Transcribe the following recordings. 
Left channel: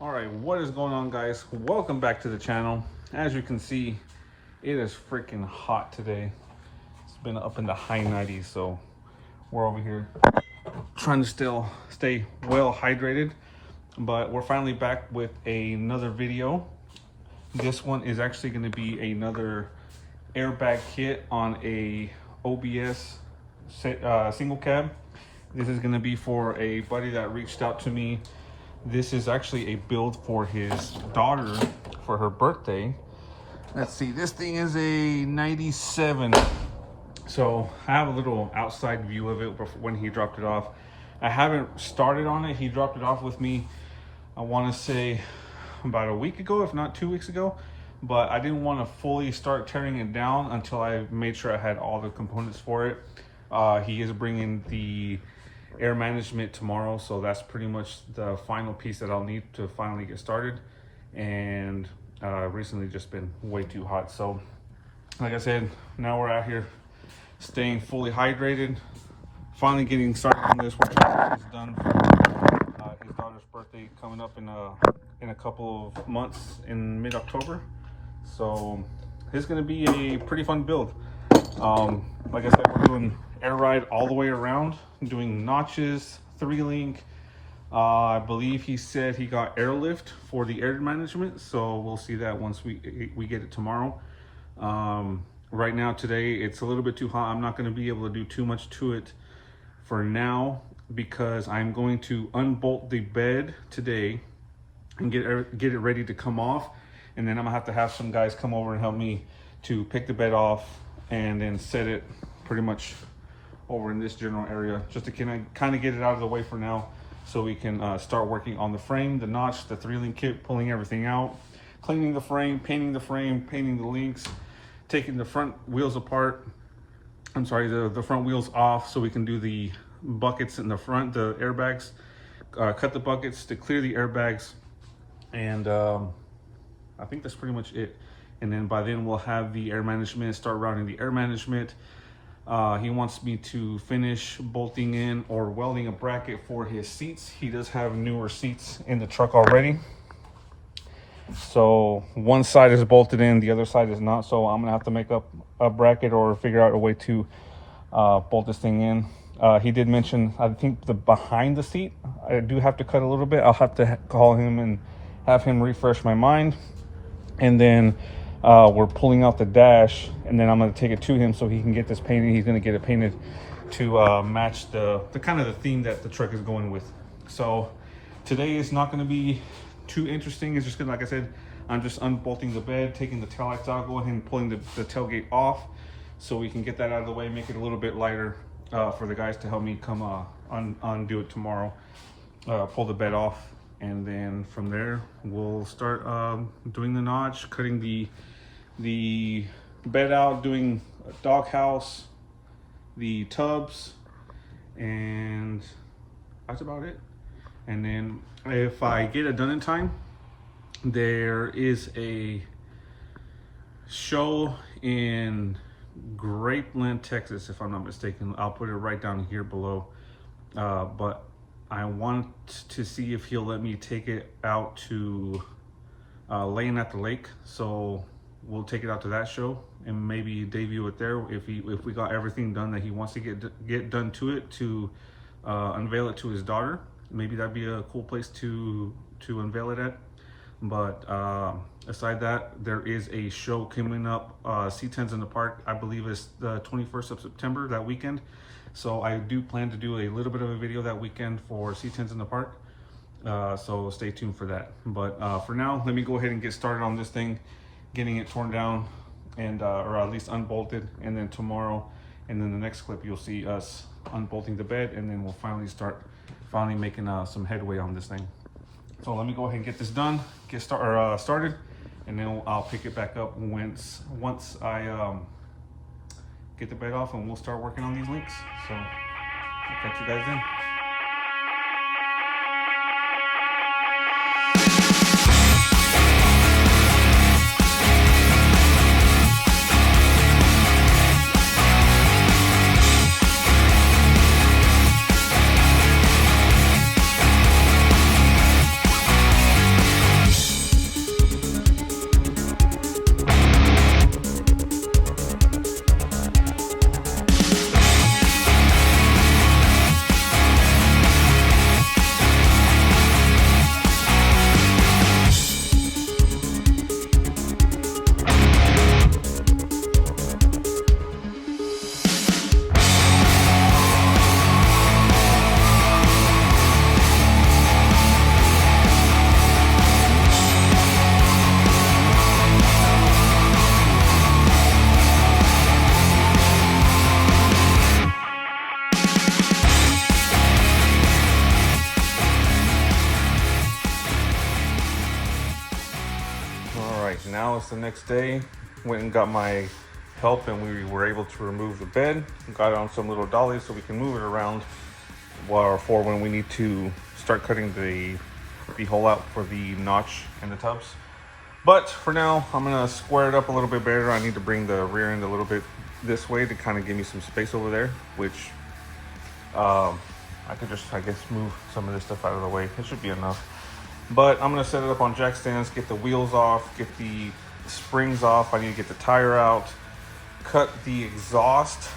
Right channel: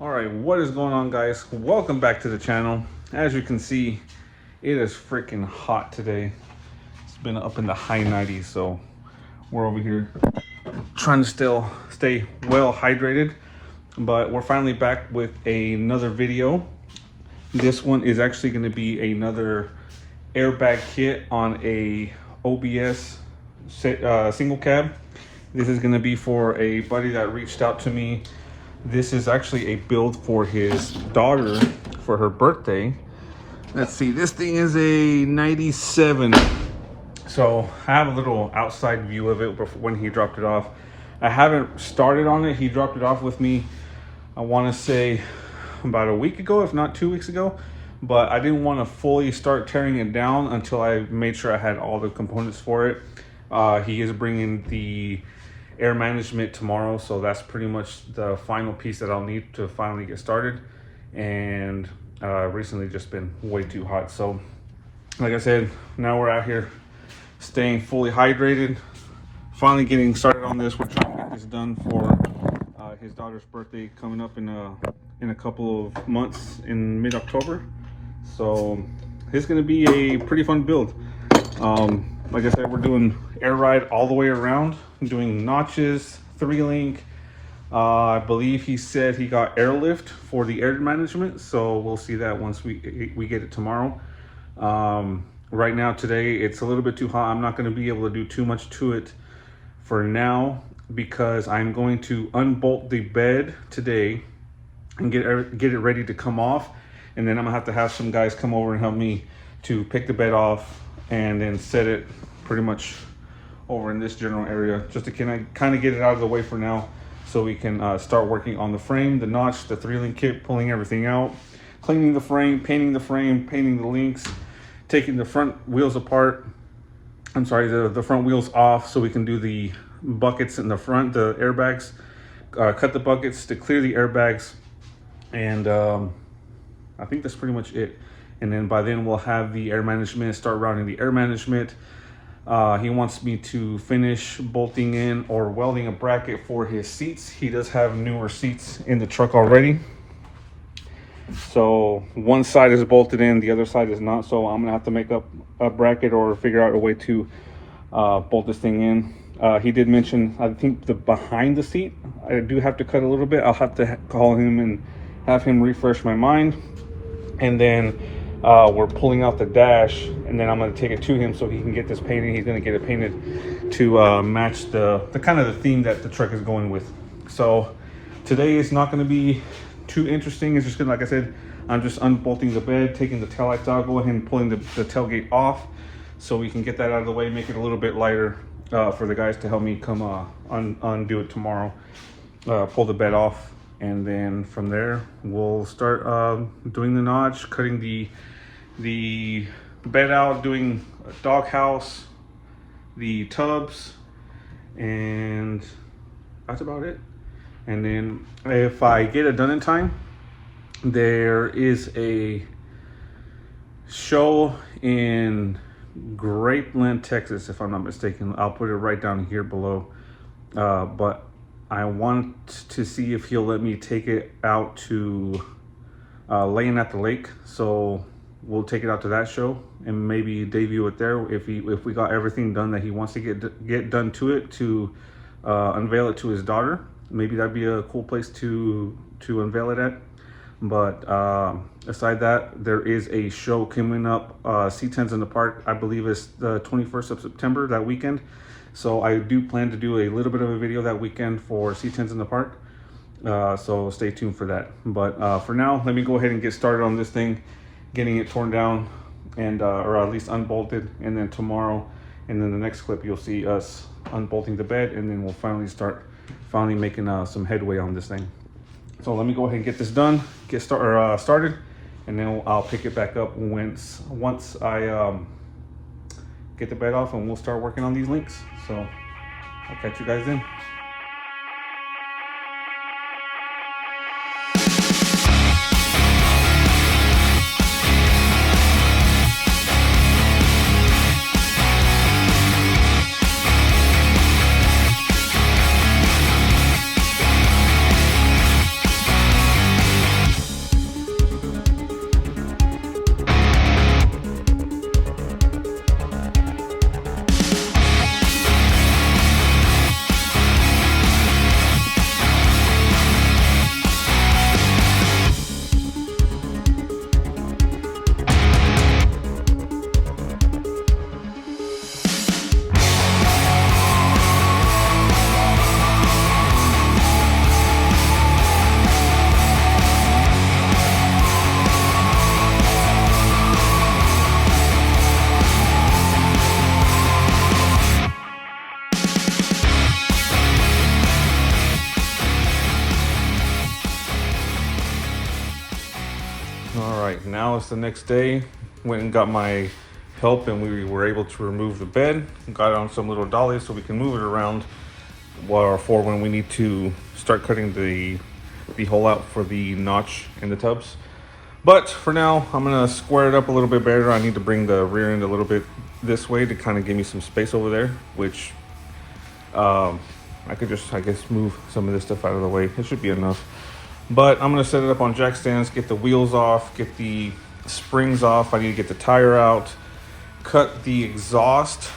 Alright, what is going on, guys? Welcome back to the channel. As you can see, it is freaking hot today. It's been up in the high 90s, so we're over here trying to still stay well hydrated. But we're finally back with another video. This one is actually going to be another airbag kit on a OBS single cab. This is going to be for a buddy that reached out to me. This is actually a build for his daughter for her birthday. Let's see, this thing is a 97. So I have a little outside view of it when he dropped it off. I haven't started on it. He dropped it off with me, I want to say about a week ago, if not 2 weeks ago. But I didn't want to fully start tearing it down until I made sure I had all the components for it. He is bringing the air management tomorrow, so that's pretty much the final piece that I'll need to finally get started. And recently just been way too hot, so like I said, now we're out here staying fully hydrated, finally getting started on this. We're trying to get this done for his daughter's birthday coming up in a couple of months in mid-October. So it's going to be a pretty fun build. Like I said, we're doing air ride all the way around, doing notches, 3-link. I believe he said he got airlift for the air management, so we'll see that once we get it tomorrow. Right now, today, it's a little bit too hot. I'm not going to be able to do too much to it for now because I'm going to unbolt the bed today and get it ready to come off. And then I'm going to have some guys come over and help me to pick the bed off and then set it pretty much over in this general area, just to kind of get it out of the way for now, so we can start working on the frame, the notch, the 3-link kit, pulling everything out, cleaning the frame, painting the links, taking the front wheels apart. I'm sorry, the front wheels off, so we can do the buckets in the front, the airbags, cut the buckets to clear the airbags, and I think that's pretty much it. And then by then we'll have the air management, start routing the air management. He wants me to finish bolting in or welding a bracket for his seats. He does have newer seats in the truck already. So one side is bolted in, the other side is not. So I'm gonna have to make up a bracket or figure out a way to bolt this thing in. He did mention, I think, the behind the seat, I do have to cut a little bit. I'll have to call him and have him refresh my mind. And then we're pulling out the dash, and then I'm going to take it to him so he can get this painted. He's going to get it painted to match the kind of the theme that the truck is going with. So today is not going to be too interesting. It's just going to, like I said, I'm just unbolting the bed, taking the taillights out, go ahead and pulling the tailgate off so we can get that out of the way, make it a little bit lighter for the guys to help me come undo it tomorrow, pull the bed off. And then from there, we'll start doing the notch, cutting the bed out, doing a doghouse, the tubs, and that's about it. And then if I get it done in time, there is a show in Grapeland, Texas, if I'm not mistaken. I'll put it right down here below. But I want to see if he'll let me take it out to Laying at the Lake. So we'll take it out to that show and maybe debut it there if we got everything done that he wants to get done to it, to unveil it to his daughter. Maybe that'd be a cool place to unveil it at. But aside that, there is a show coming up, C10s in the Park. I believe it's the 21st of September, that weekend. So I do plan to do a little bit of a video that weekend for C10s in the Park. So stay tuned for that. But for now, let me go ahead and get started on this thing, getting it torn down and or at least unbolted. And then tomorrow, and then the next clip, you'll see us unbolting the bed, and then we'll finally making some headway on this thing. So let me go ahead and get this done, get started, and then I'll pick it back up once I get the bed off, and we'll start working on these links. So I'll catch you guys then. now it's the next day. Went and got my help, and we were able to remove the bed. Got it on some little dollies so we can move it around for when we need to start cutting the hole out for the notch in the tubs. But for now, I'm gonna square it up a little bit better. I need to bring the rear end a little bit this way to kind of give me some space over there, which I could just, I guess, move some of this stuff out of the way. It should be enough. But I'm gonna set it up on jack stands, get the wheels off, get the springs off. I need to get the tire out, cut the exhaust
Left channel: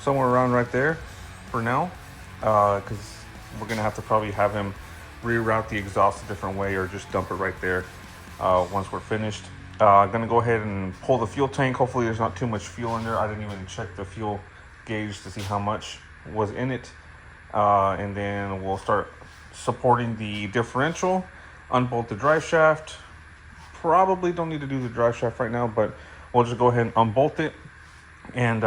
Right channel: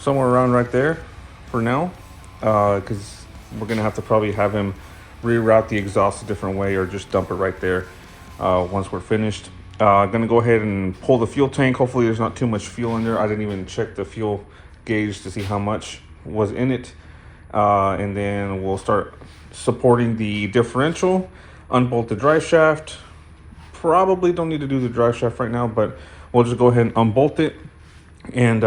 somewhere around right there for now, because we're gonna have to probably have him reroute the exhaust a different way or just dump it right there once we're finished. Gonna go ahead and pull the fuel tank. Hopefully there's not too much fuel in there. I didn't even check the fuel gauge to see how much was in it. And then we'll start supporting the differential, unbolt the drive shaft. Probably don't need to do the drive shaft right now, but we'll just go ahead and unbolt it and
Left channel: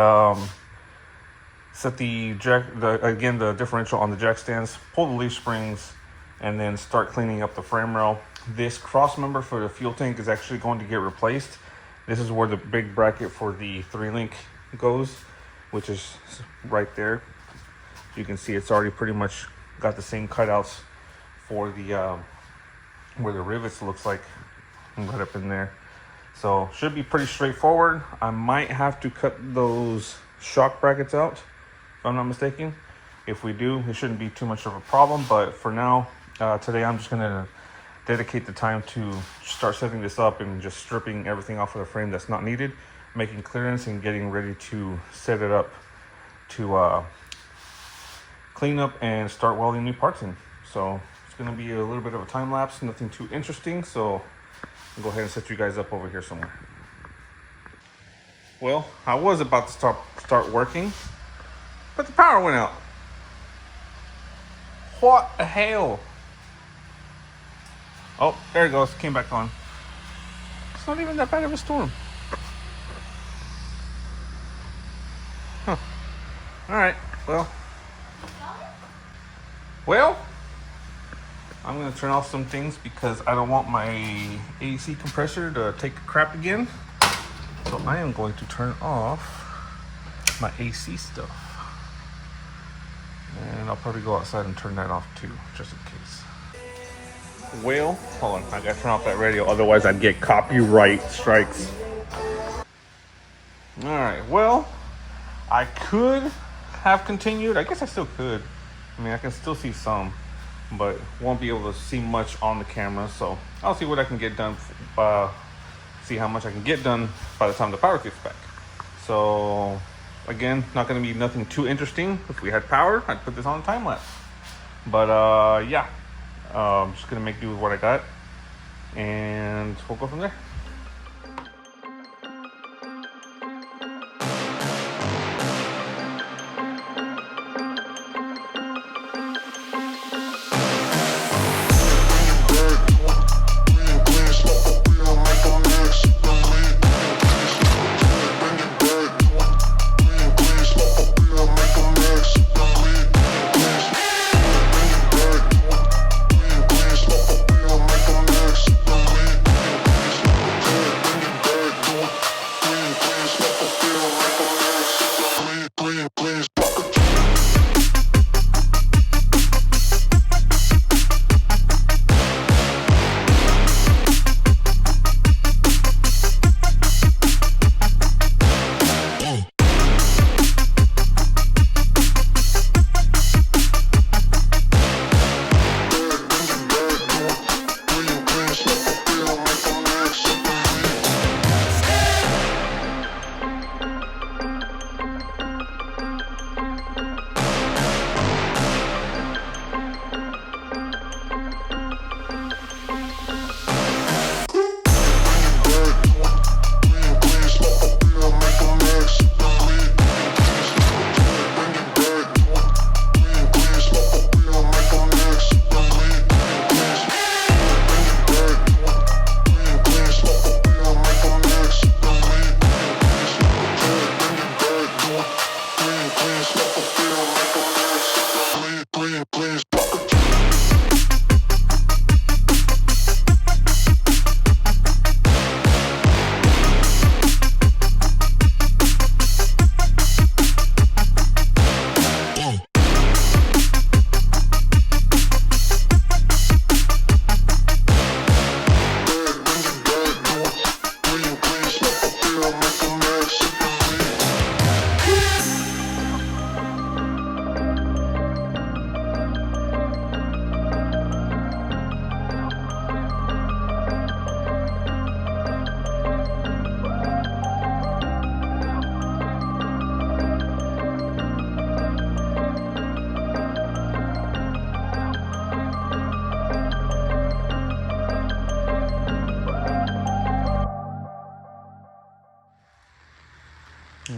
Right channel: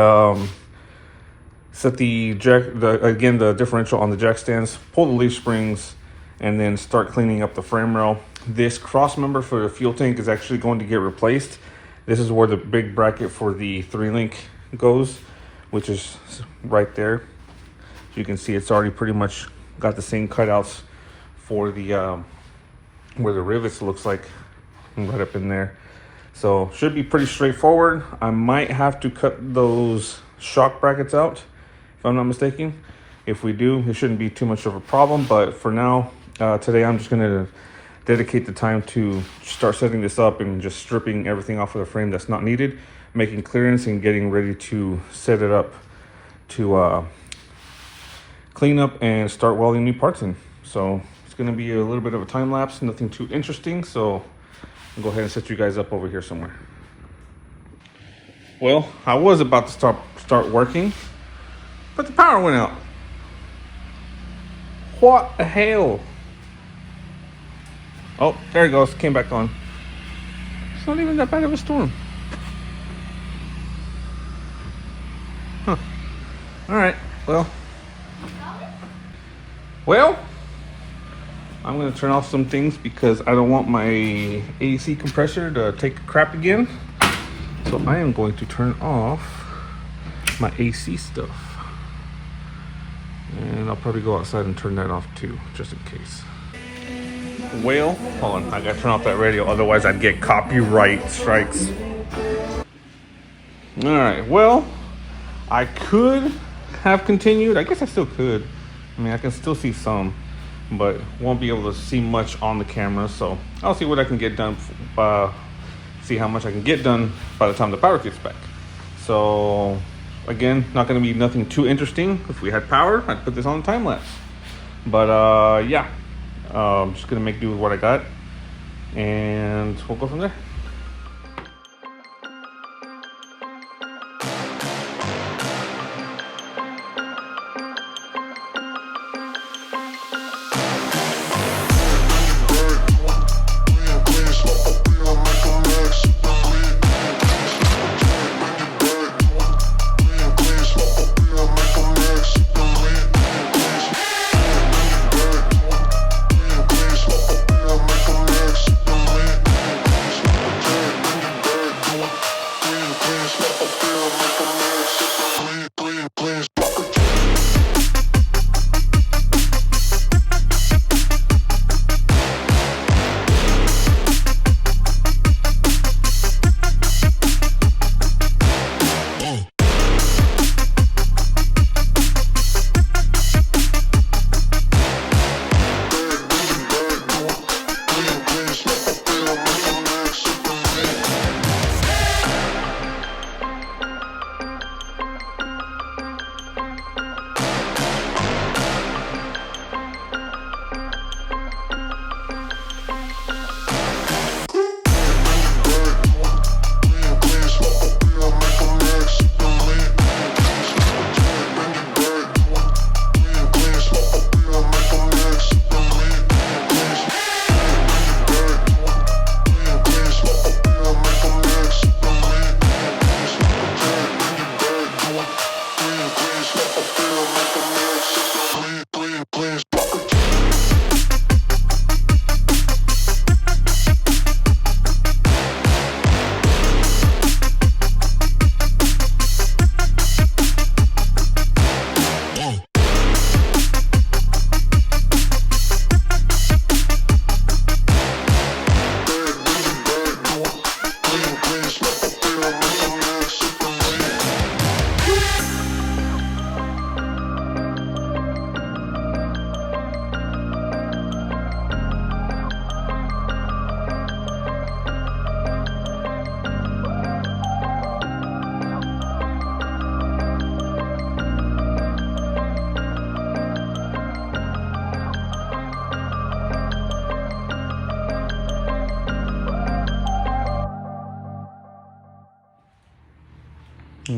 set the differential on the jack stands, pull the leaf springs, and then start cleaning up the frame rail. This cross member for the fuel tank is actually going to get replaced. This is where the big bracket for the 3-link goes, which is right there. You can see it's already pretty much got the same cutouts for the where the rivets looks like, right up in there. So should be pretty straightforward. I might have to cut those shock brackets out if I'm not mistaken. If we do, it shouldn't be too much of a problem. But for now, today I'm just gonna dedicate the time to start setting this up and just stripping everything off of the frame that's not needed, making clearance and getting ready to set it up to clean up and start welding new parts in. So it's gonna be a little bit of a time lapse, nothing too interesting. So I'll go ahead and set you guys up over here somewhere. Well, I was about to start working, but the power went out. What the hell? Oh, there it goes, came back on. It's not even that bad of a storm. Huh. All right, well, I'm gonna turn off some things because I don't want my AC compressor to take a crap again. So I am going to turn off my AC stuff. And I'll probably go outside and turn that off too, just in case. Well, hold on, I gotta turn off that radio, otherwise I'd get copyright strikes. All right, well, I could have continued. I guess I still could. I mean, I can still see some, but won't be able to see much on the camera. So I'll see what I can get done, see how much I can get done by the time the power gets back. So again, not gonna be nothing too interesting. If we had power, I'd put this on time lapse. But yeah, I'm just gonna make do with what I got, and we'll go from there.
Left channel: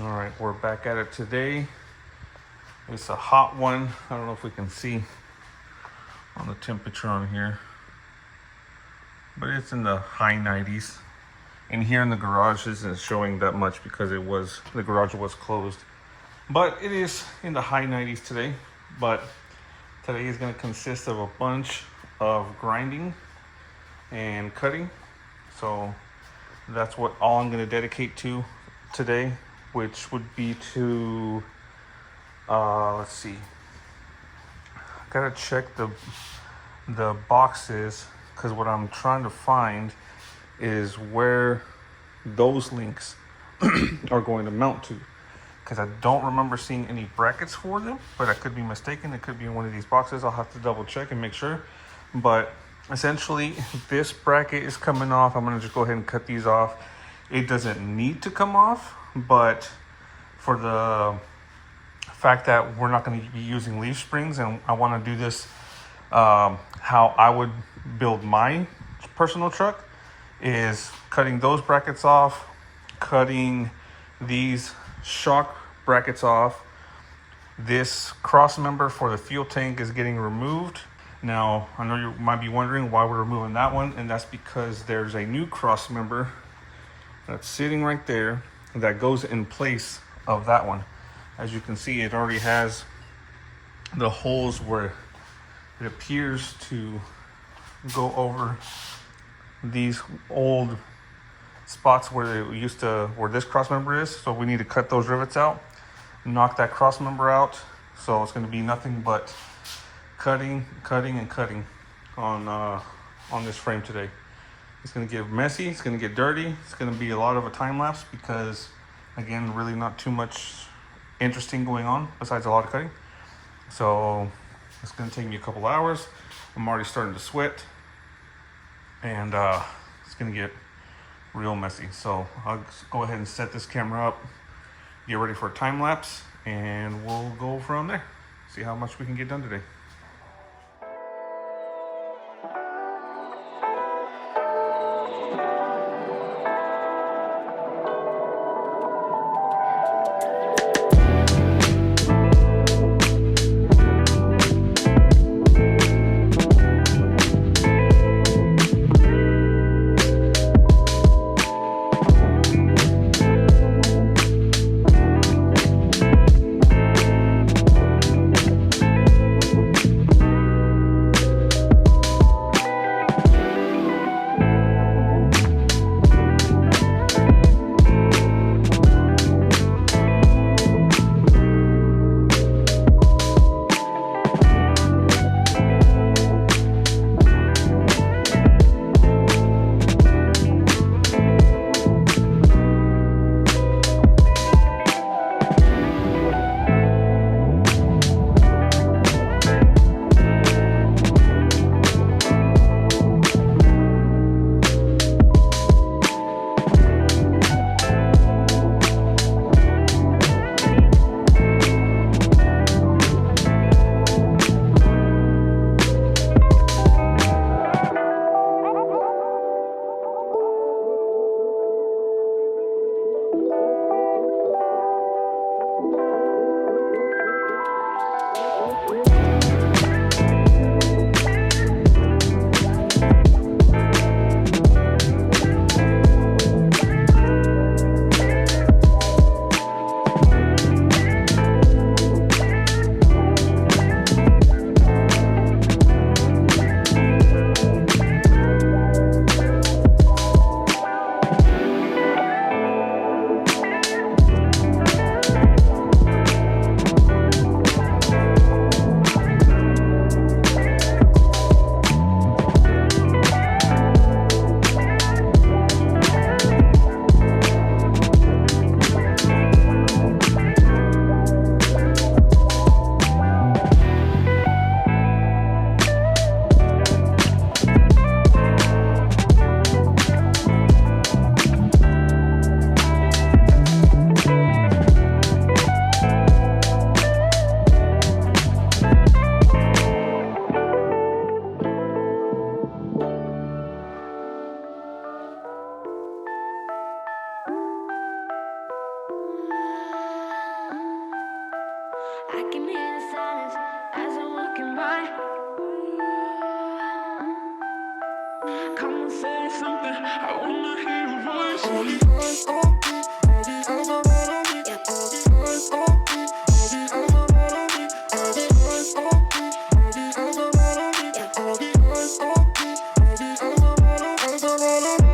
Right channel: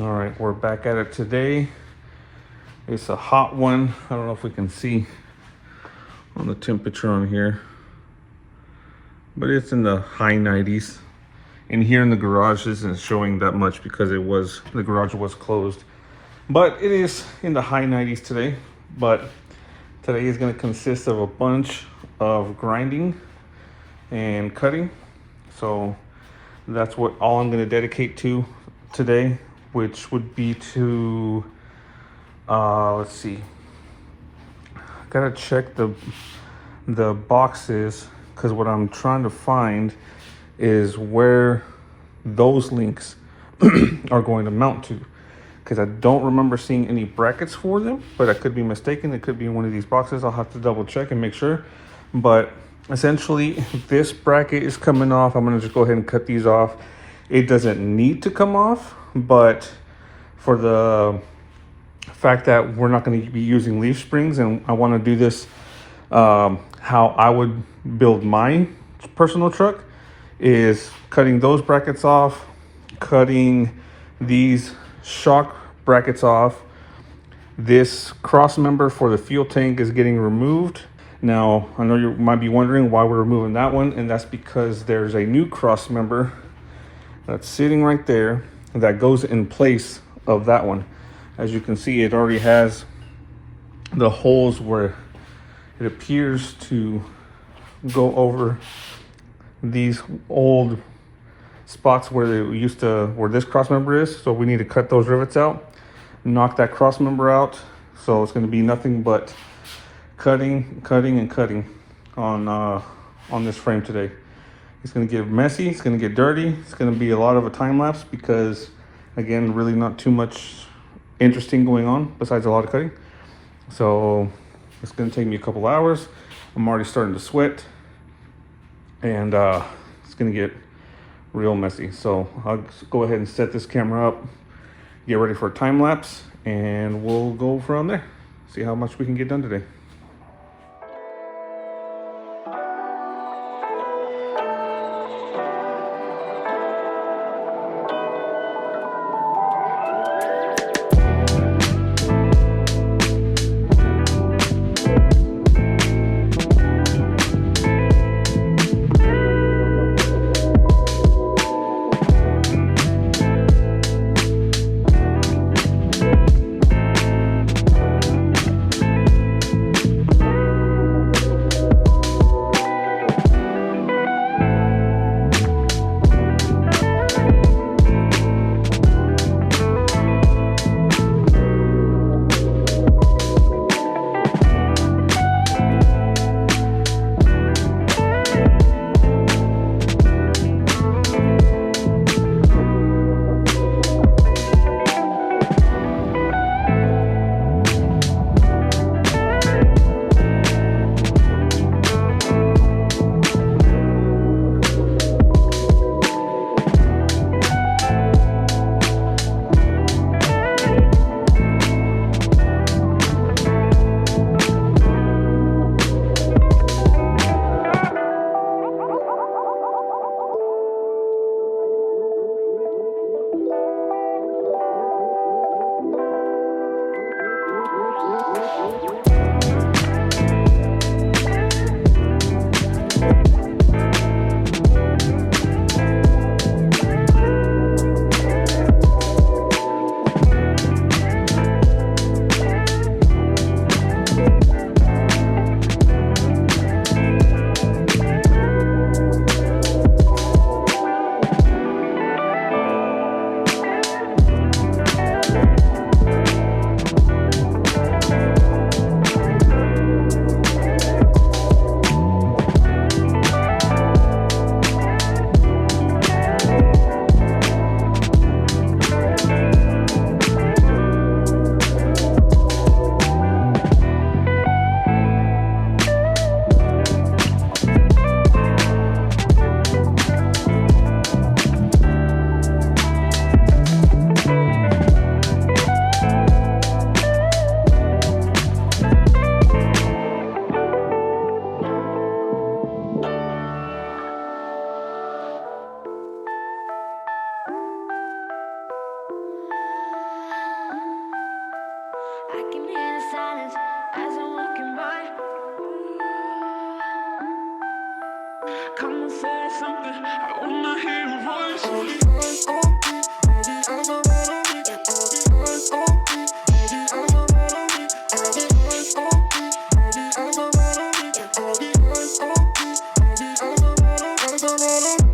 All right, we're back at it today. It's a hot one. I don't know if we can see on the temperature on here, but it's in the high 90s. And here in the garage isn't showing that much because the garage was closed. But it is in the high 90s today. But today is going to consist of a bunch of grinding and cutting. So that's what all I'm going to dedicate to today, which would be to let's see, gotta check the boxes, because what I'm trying to find is where those links are going to mount to, because I don't remember seeing any brackets for them, but I could be mistaken. It could be in one of these boxes. I'll have to double check and make sure. But essentially, this bracket is coming off. I'm gonna just go ahead and cut these off. It doesn't need to come off, but for the fact that we're not going to be using leaf springs, and I want to do this how I would build my personal truck, is cutting those brackets off, cutting these shock brackets off. This cross member for the fuel tank is getting removed. Now, I know you might be wondering why we're removing that one, and that's because there's a new cross member that's sitting right there that goes in place of that one. As you can see, it already has the holes where it appears to go over these old spots where this cross member is. So we need to cut those rivets out, knock that cross member out. So it's going to be nothing but cutting and cutting on this frame today. It's going to get messy, it's going to get dirty, it's going to be a lot of a time lapse because, again, really not too much interesting going on besides a lot of cutting. So it's going to take me a couple hours. I'm already starting to sweat, and it's going to get real messy. So I'll just go ahead and set this camera up, get ready for a time lapse, and we'll go from there. See how much we can get done today. say something, I wanna hear your voice. All the eyes on me, all the eyes are right on me. All the eyes on me, all the eyes are right on me. All the eyes on me, all the eyes are right on me. All the eyes on me, all the eyes are right on me. Eyes are right on me.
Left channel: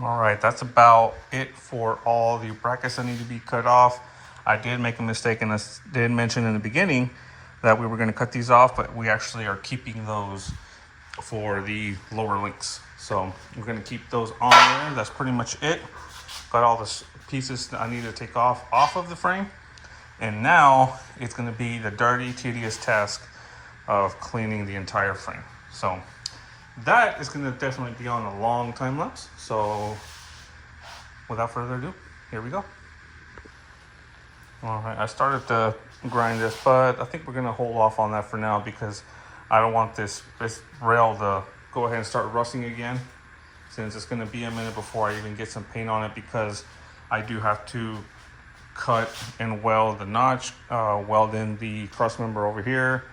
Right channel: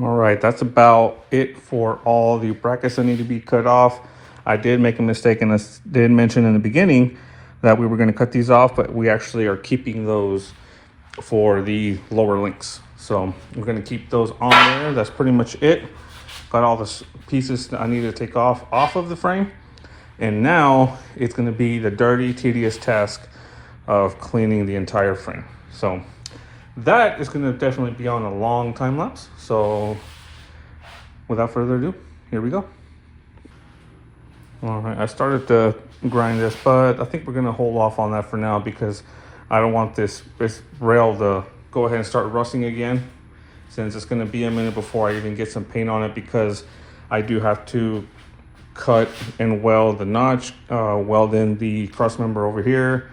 All right, that's about it for all the brackets that need to be cut off. I did make a mistake and I did mention in the beginning that we were going to cut these off, but we actually are keeping those for the lower links. So we're going to keep those on there. That's pretty much it. Got all the pieces that I need to take off of the frame. And now it's going to be the dirty, tedious task of cleaning the entire frame. So that is going to definitely be on a long time lapse. So without further ado, here we go. All right, I started to grind this, but I think we're going to hold off on that for now because I don't want this rail to go ahead and start rusting again, since it's going to be a minute before I even get some paint on it, because I do have to cut and weld the notch, weld in the cross member over here.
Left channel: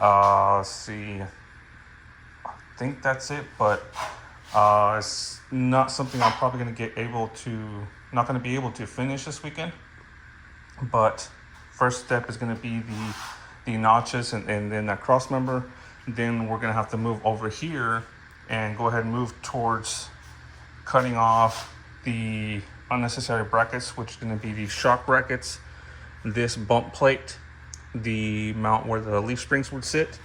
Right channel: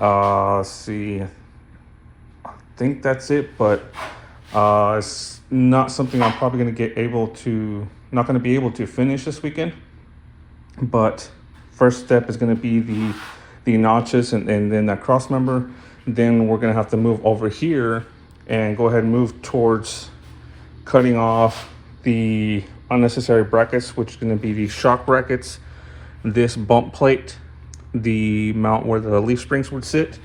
Let's see, I think that's it, but it's not something I'm probably going to not going to be able to finish this weekend. But first step is going to be the notches and then that cross member. Then we're going to have to move over here and go ahead and move towards cutting off the unnecessary brackets, which is going to be these shock brackets, this bump plate, the mount where the leaf springs would sit,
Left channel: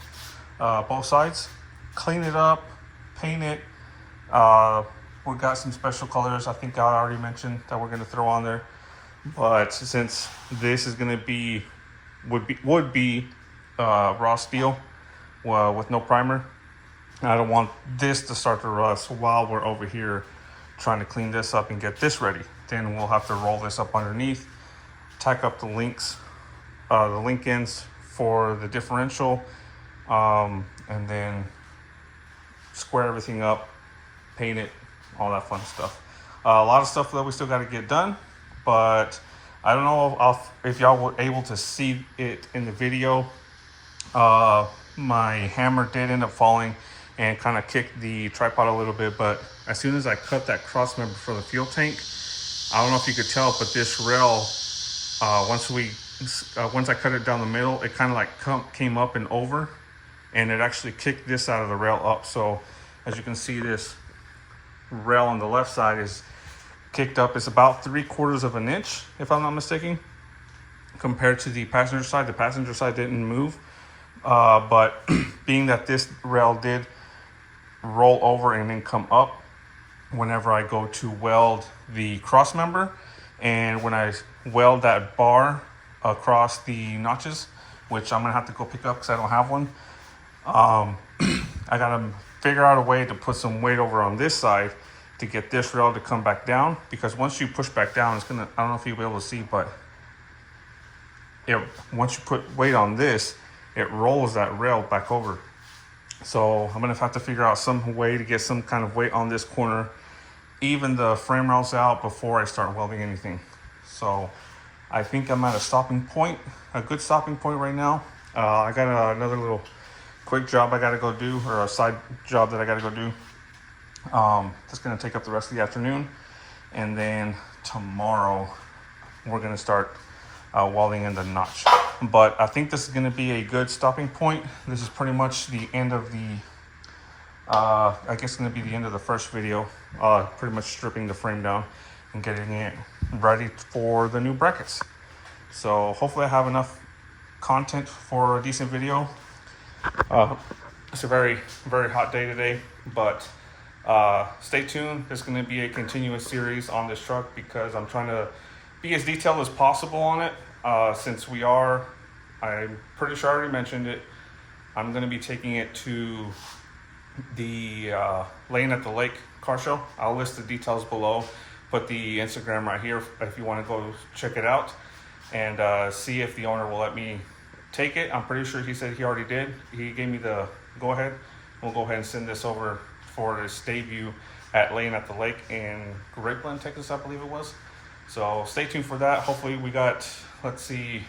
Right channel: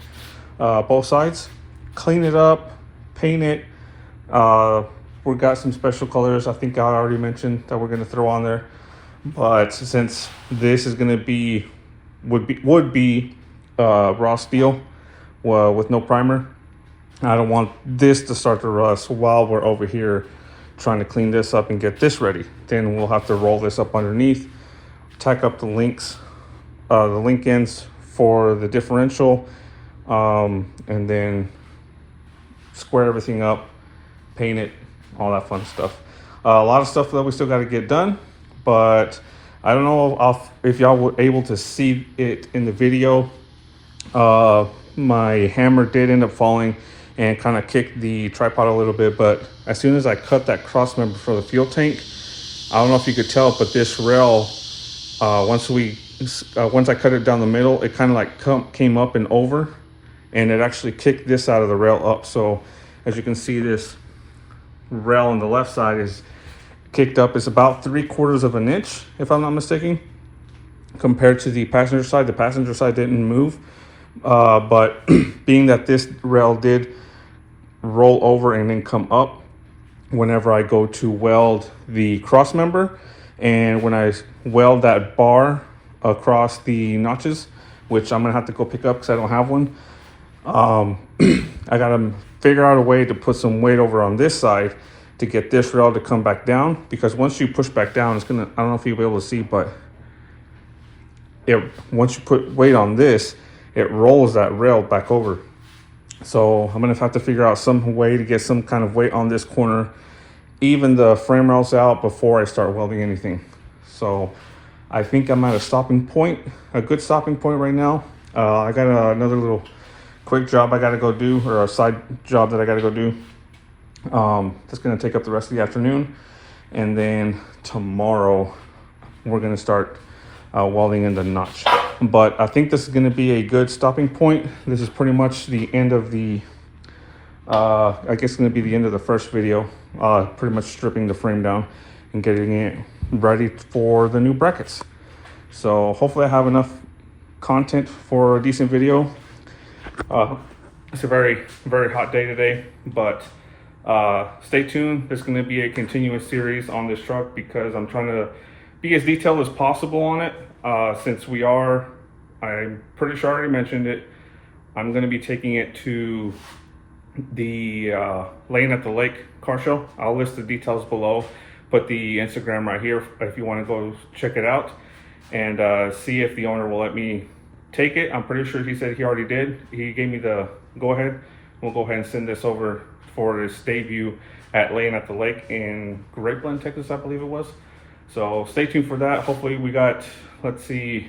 both sides. Clean it up, paint it. We've got some special colors I think I already mentioned that we're going to throw on there. But since this is going to would be raw steel with no primer, I don't want this to start to rust while we're over here trying to clean this up and get this ready. Then we'll have to roll this up underneath, tack up the links, the link ends for the differential, and then square everything up, paint it, all that fun stuff. A lot of stuff that we still got to get done, but I don't know if y'all were able to see it in the video. My hammer did end up falling and kind of kicked the tripod a little bit, but as soon as I cut that cross member for the fuel tank, I don't know if you could tell, but this rail, once I cut it down the middle, it kind of like came up and over, and it actually kicked this out of the rail up. So as you can see, this rail on the left side is kicked up. It's about 3/4 of an inch, if I'm not mistaken, compared to the passenger side. The passenger side didn't move, but being that this rail did roll over and then come up whenever I go to weld the cross member, and when I weld that bar across the notches, which I'm gonna have to go pick up because I don't have one, I gotta figure out a way to put some weight over on this side to get this rail to come back down, because once you push back down, it's gonna, I don't know if you'll be able to see, but once you put weight on this, it rolls that rail back over. So I'm gonna have to figure out some way to get some kind of weight on this corner, even the frame rails out, before I start welding anything. So I think I'm at a stopping point, a good stopping point right now. I got another little quick job I gotta go do, or a side job that I gotta go do. That's gonna take up the rest of the afternoon, and then tomorrow we're gonna start welding in the notch. But I think this is gonna be a good stopping point. This is pretty much the end of the I guess it's gonna be the end of the first video, pretty much stripping the frame down and getting it ready for the new brackets. So hopefully I have enough content for a decent video. It's a very, very hot day today, but stay tuned. There's going to be a continuous series on this truck because I'm trying to be as detailed as possible on it, since we are I'm pretty sure I already mentioned it. I'm going to be taking it to the Laying at the Lake car show. I'll list the details below. Put the Instagram right here if you want to go check it out and see if the owner will let me take it. I'm pretty sure he said he already did. He gave me the go ahead. We'll go ahead and send this over for its debut at Laying at the Lake in Grapeland, Texas, I believe it was. So stay tuned for that. Hopefully we got, let's see,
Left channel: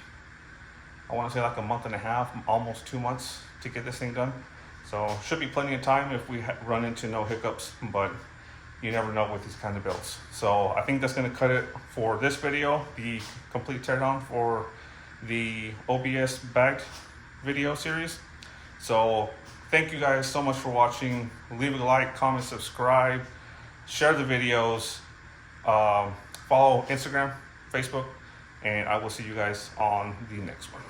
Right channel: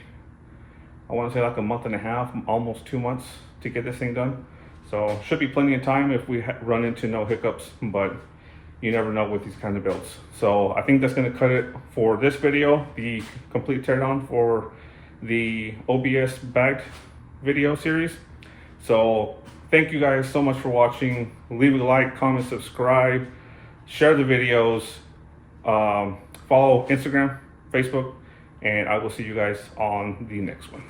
I want to say like a month and a half, almost 2 months to get this thing done. So should be plenty of time if we run into no hiccups, but you never know with these kinds of builds. So I think that's going to cut it for this video, the complete teardown for the OBS bagged video series. So thank you guys so much for watching. Leave a like, comment, subscribe, share the videos, follow Instagram, Facebook, and I will see you guys on the next one.